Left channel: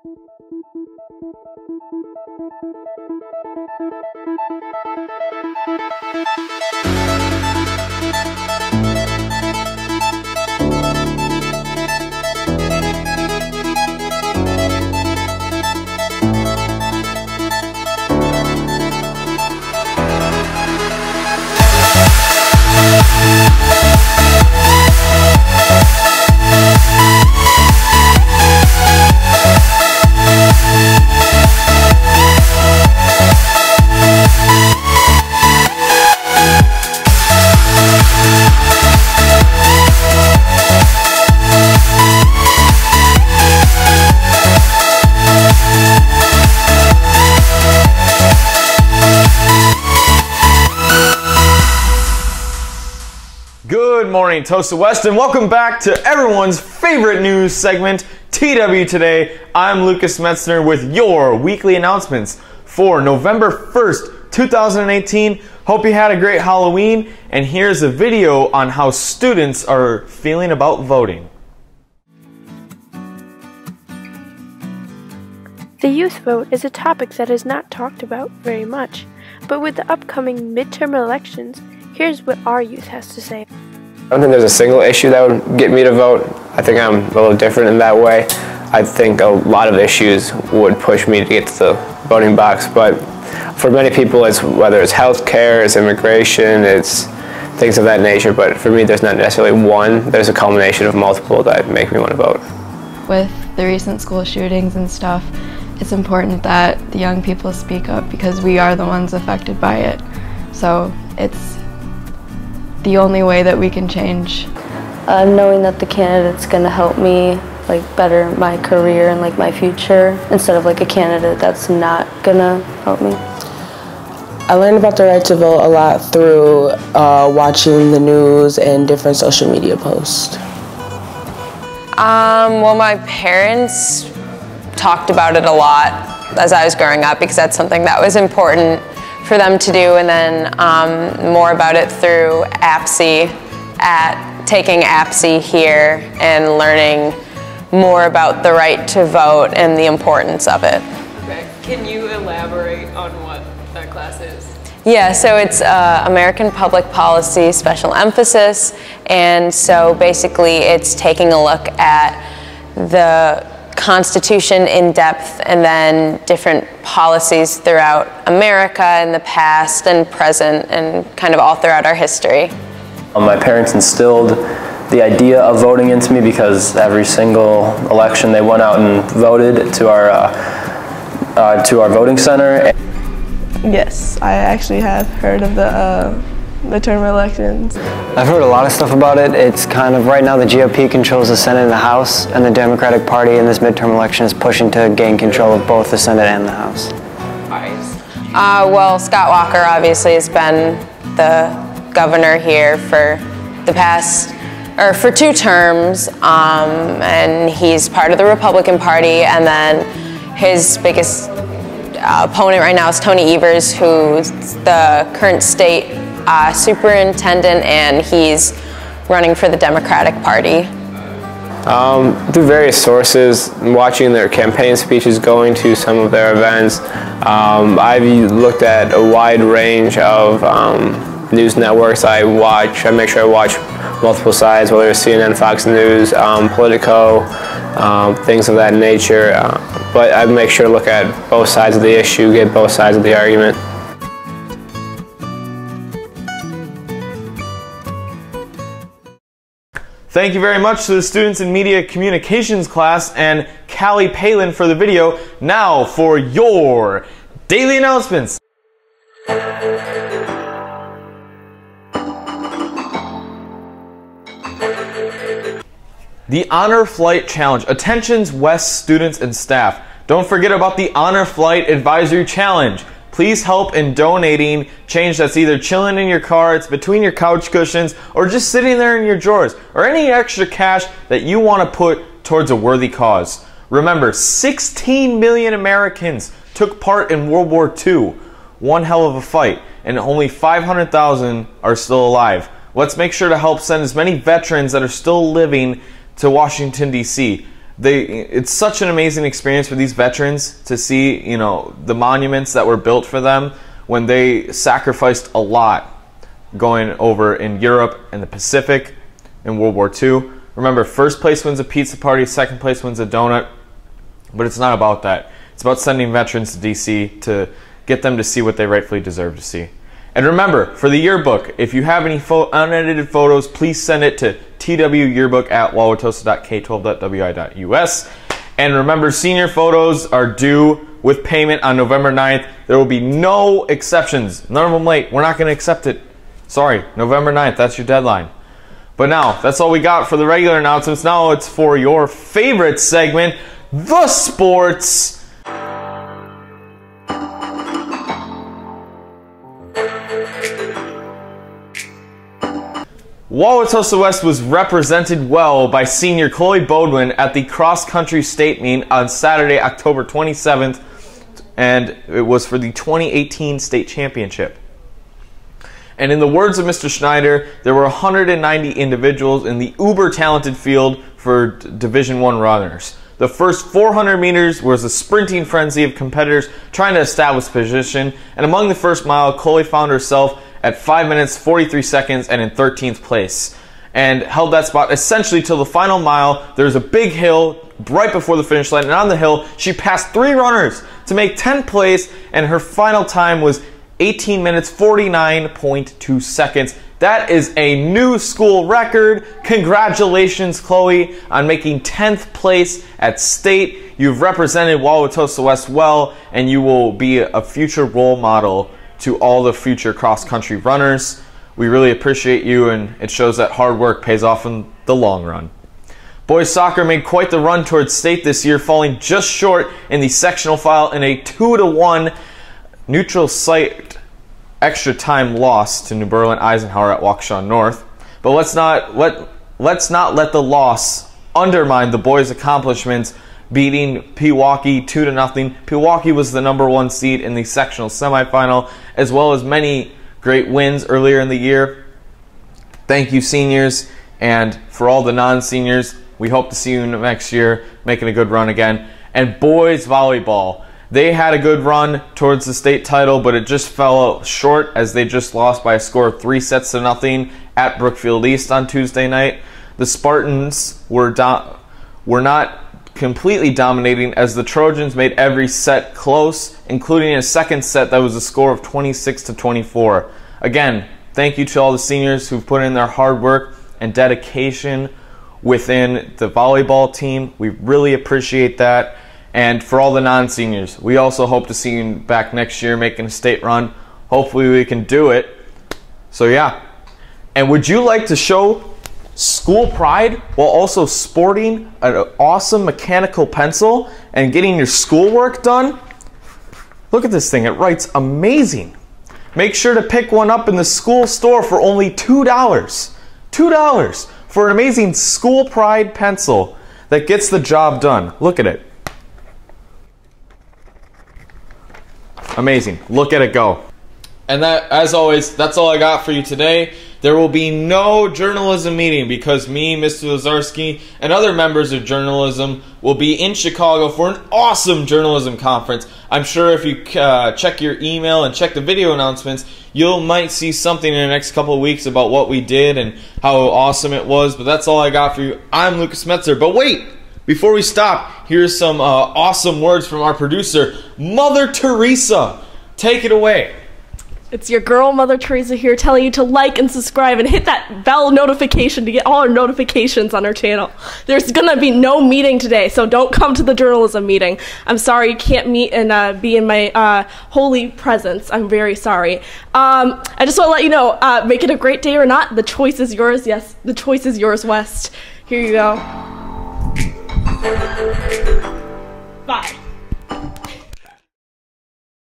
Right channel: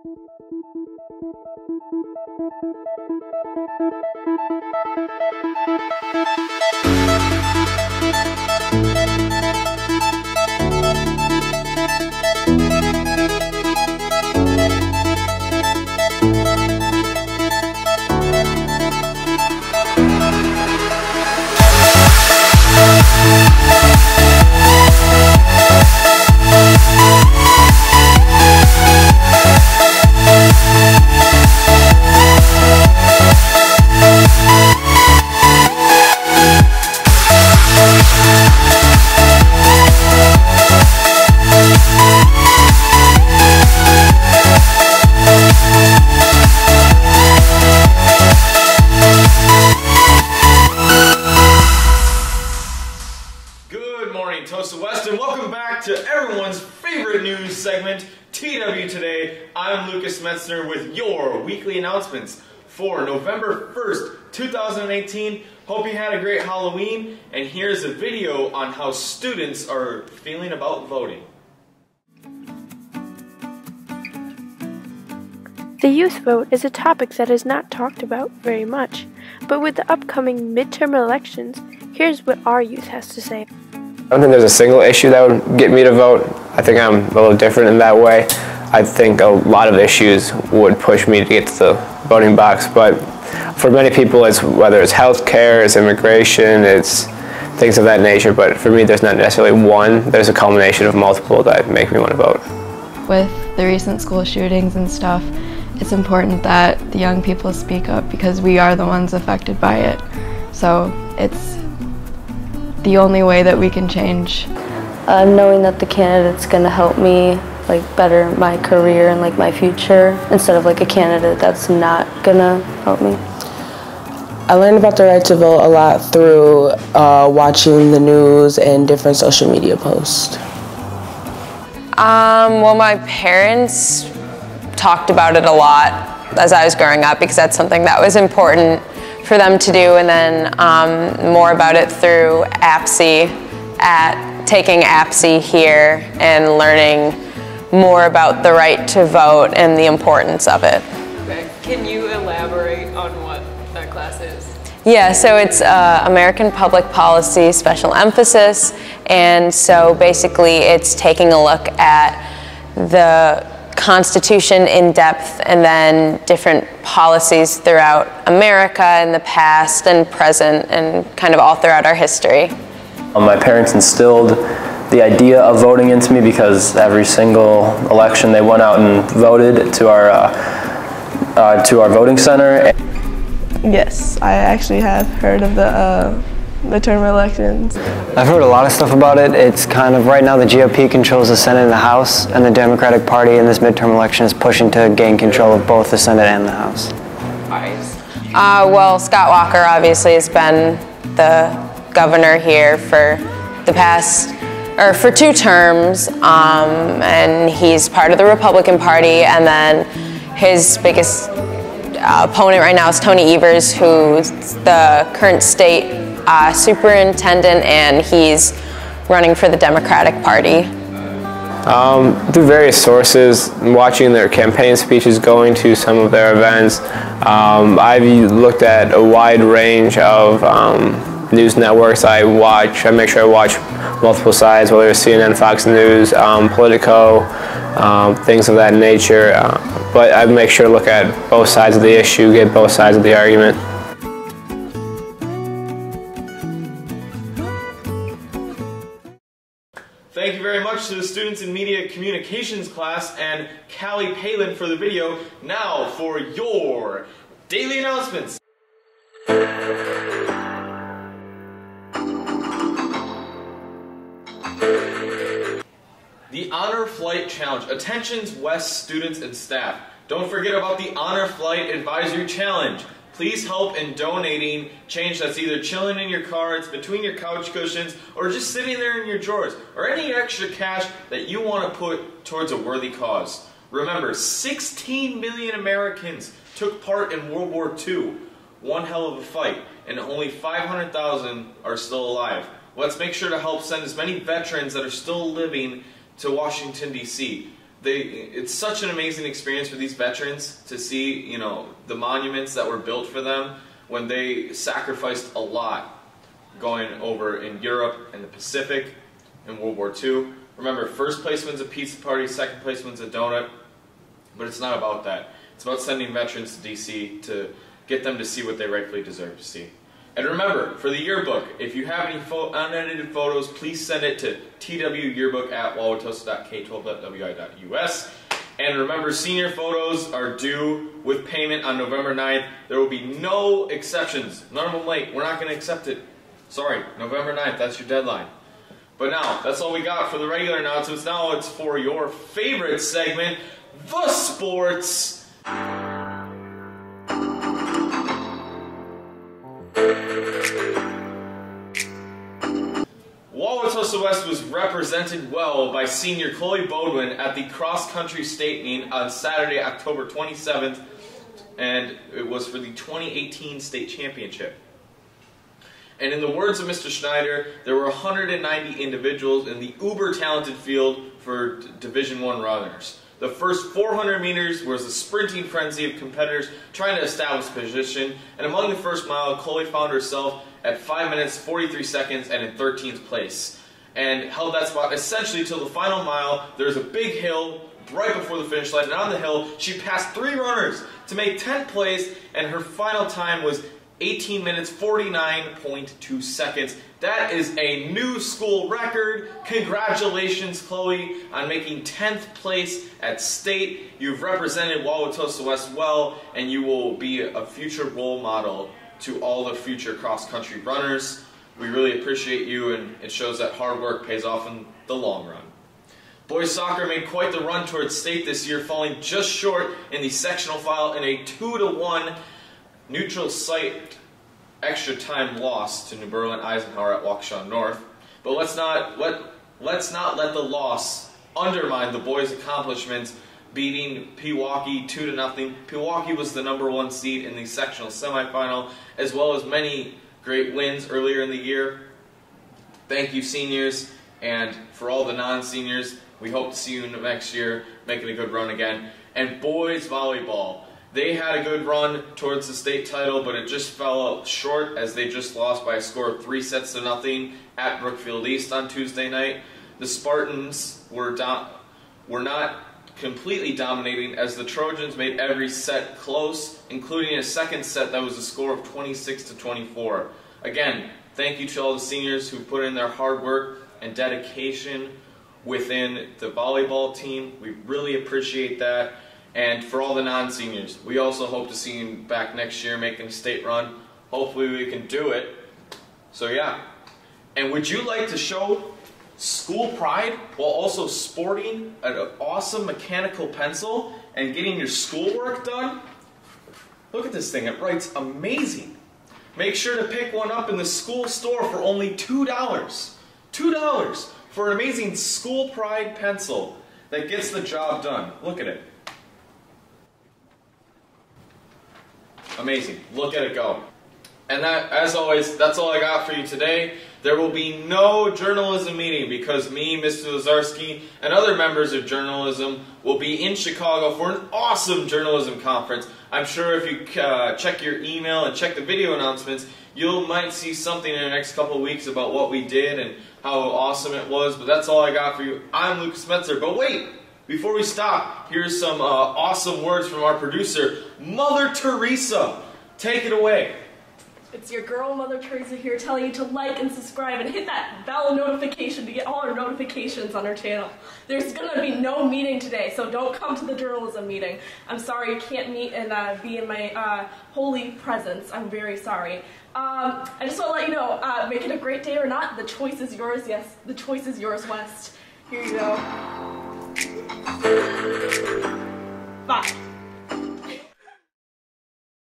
Good morning, Toast of West, and welcome back to everyone's favorite news segment, TW Today. I'm Lucas Metzner with your weekly announcements for November 1st, 2018. Hope you had a great Halloween, and here's a video on how students are feeling about voting. The youth vote is a topic that is not talked about very much, but with the upcoming midterm elections, here's what our youth has to say. I don't think there's a single issue that would get me to vote. I think I'm a little different in that way. I think a lot of issues would push me to get to the voting box, but for many people, it's whether it's health care, it's immigration, it's things of that nature, but for me, there's not necessarily one. There's a culmination of multiple that make me want to vote. With the recent school shootings and stuff, it's important that the young people speak up because we are the ones affected by it. So it's the only way that we can change. Knowing that the candidate's going to help me better my career and my future instead of a candidate that's not going to help me. I learned about the right to vote a lot through watching the news and different social media posts. Well, my parents talked about it a lot as I was growing up because that's something that was important for them to do, and then more about it through taking APSI here and learning more about the right to vote and the importance of it. Okay. Can you elaborate on what that class is? Yeah, so it's American Public Policy Special Emphasis, and so basically it's taking a look at the Constitution in depth and then different policies throughout America in the past and present and kind of all throughout our history. My parents instilled the idea of voting into me because every single election they went out and voted to our voting center. Yes, I actually have heard of the midterm elections. I've heard a lot of stuff about it. It's kind of, right now the GOP controls the Senate and the House, and the Democratic Party in this midterm election is pushing to gain control of both the Senate and the House. Well, Scott Walker obviously has been the governor here for the past, or for 2 terms, and he's part of the Republican Party, and then his biggest opponent right now is Tony Evers, who's the current state superintendent, and he's running for the Democratic Party. Through various sources, watching their campaign speeches, going to some of their events, I've looked at a wide range of news networks. I make sure I watch multiple sides, whether it's CNN, Fox News, Politico, things of that nature. But I make sure to look at both sides of the issue, get both sides of the argument. Thank you very much to the students in Media Communications class and Callie Palin for the video. Now for your daily announcements. The Honor Flight Challenge. Attentions West students and staff. Don't forget about the Honor Flight Advisory Challenge. Please help in donating change that's either chilling in your car, it's between your couch cushions, or just sitting there in your drawers, or any extra cash that you want to put towards a worthy cause. Remember, 16 million Americans took part in World War II. One hell of a fight, and only 500,000 are still alive. Let's make sure to help send as many veterans that are still living to Washington, D.C. It's such an amazing experience for these veterans to see, you know, the monuments that were built for them when they sacrificed a lot going over in Europe and the Pacific in World War II. Remember, first place wins a pizza party, second place wins a donut, but it's not about that. It's about sending veterans to DC to get them to see what they rightfully deserve to see. And remember, for the yearbook, if you have any unedited photos, please send it to twyearbook@wauwatosa.k12.wi.us. And remember, senior photos are due with payment on November 9th. There will be no exceptions. None of them late. We're not going to accept it. Sorry, November 9th, that's your deadline. But now, that's all we got for the regular announcements. Now it's for your favorite segment, the sports. Wauwatosa West was represented well by senior Chloe Bodwin at the cross-country state meet on Saturday, October 27th, and it was for the 2018 state championship. And in the words of Mr. Schneider, there were 190 individuals in the uber-talented field for Division I runners. The first 400 meters was a sprinting frenzy of competitors trying to establish position, and among the first mile, Chloe found herself at 5 minutes, 43 seconds, and in 13th place, and held that spot essentially till the final mile. There's a big hill right before the finish line, and on the hill, she passed 3 runners to make 10th place, and her final time was 18 minutes, 49.2 seconds. That is a new school record. Congratulations, Chloe, on making 10th place at state. You've represented Wauwatosa West well, and you will be a future role model to all the future cross-country runners. We really appreciate you, and it shows that hard work pays off in the long run. Boys soccer made quite the run towards state this year, falling just short in the sectional final in a 2-1 neutral site extra time loss to New Berlin Eisenhower at Waukesha North. But let's not let the loss undermine the boys' accomplishments, beating Pewaukee 2-0. Pewaukee was the #1 seed in the sectional semifinal, as well as many great wins earlier in the year. Thank you, seniors, and for all the non-seniors, we hope to see you next year making a good run again. And boys volleyball, they had a good run towards the state title, but it just fell short as they just lost by a score of 3-0 at Brookfield East on Tuesday night. The Spartans were not completely dominating as the Trojans made every set close, including a second set that was a score of 26-24. Again, thank you to all the seniors who've put in their hard work and dedication within the volleyball team. We really appreciate that. And for all the non-seniors, we also hope to see you back next year making a state run. Hopefully we can do it. So yeah. And would you like to show school pride while also sporting an awesome mechanical pencil and getting your schoolwork done? Look at this thing, it writes amazing. Make sure to pick one up in the school store for only $2. $2 for an amazing school pride pencil that gets the job done. Look at it. Amazing. Look at it go. And that, as always, that's all I got for you today. There will be no journalism meeting because me, Mr. Lazarski, and other members of journalism will be in Chicago for an awesome journalism conference. I'm sure if you check your email and check the video announcements, you might see something in the next couple of weeks about what we did and how awesome it was. But that's all I got for you. I'm Lucas Metzer. But wait! Before we stop, here's some awesome words from our producer, Mother Teresa. Take it away. It's your girl, Mother Teresa, here telling you to like and subscribe and hit that bell notification to get all our notifications on our channel. There's gonna be no meeting today, so don't come to the journalism meeting. I'm sorry you can't meet and be in my holy presence. I'm very sorry. I just want to let you know, make it a great day or not, the choice is yours. Yes, the choice is yours, West. Here you go. Bye.